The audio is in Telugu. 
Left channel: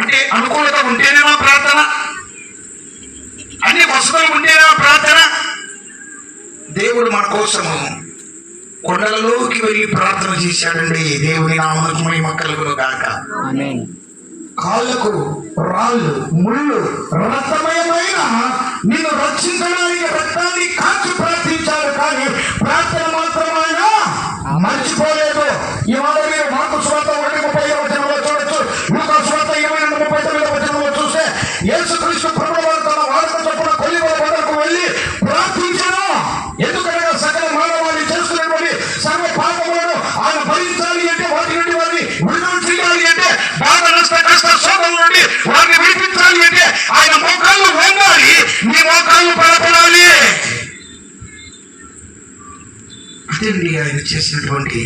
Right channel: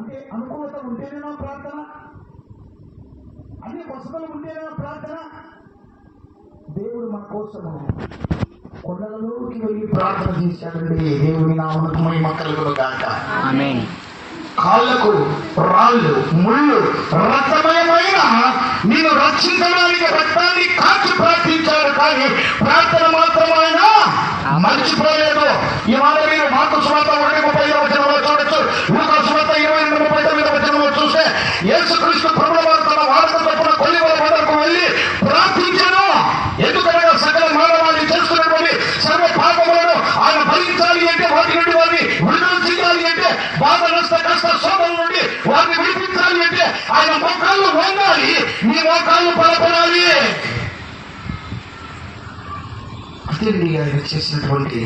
అంటే అనుకూలత ఉంటేనేనా ప్రార్థన, అన్ని వసతులు ఉంటేనా ప్రార్థన? దేవుడు మన కోసము కొండలలోకి వెళ్ళి ప్రార్థన చేశాడండి. దేవుని నామమునకు మహిమ కలుగును గాక. ఆమేన్. కాళ్ళకు రాళ్ళు ముళ్ళు రక్తమయమైన నిన్ను రక్షించడానికి రక్తాన్ని కాచి ప్రార్థించాడు, కానీ ప్రార్థన మాత్రం ఆయన మర్చిపోలేదు. ఇవాళ మీరు మార్కు సువార్త 1:35 వచనంలో చూడొచ్చు, లూకా సువార్త 22:39 వచనంలో చూస్తే యేసుక్రీస్తు ప్రభువు వారు తన వార్త చొప్పున కొలివల బండకు వెళ్ళి ప్రార్థించాను. ఎందుకనగా సకల మానవాళి చేస్తున్నటువంటి సర్వ పాపములను ఆయన భరించాలి అంటే, వాటి నుండి వారిని విడుదల చేయాలి అంటే, బాధ నష్ట కష్ట శోధన నుండి వారిని విడిపించాలి అంటే ఆయన మోకాళ్ళు వంగాలి, నీ మోకాళ్ళు బలపడాలి. అదండి ఆయన చేసినటువంటి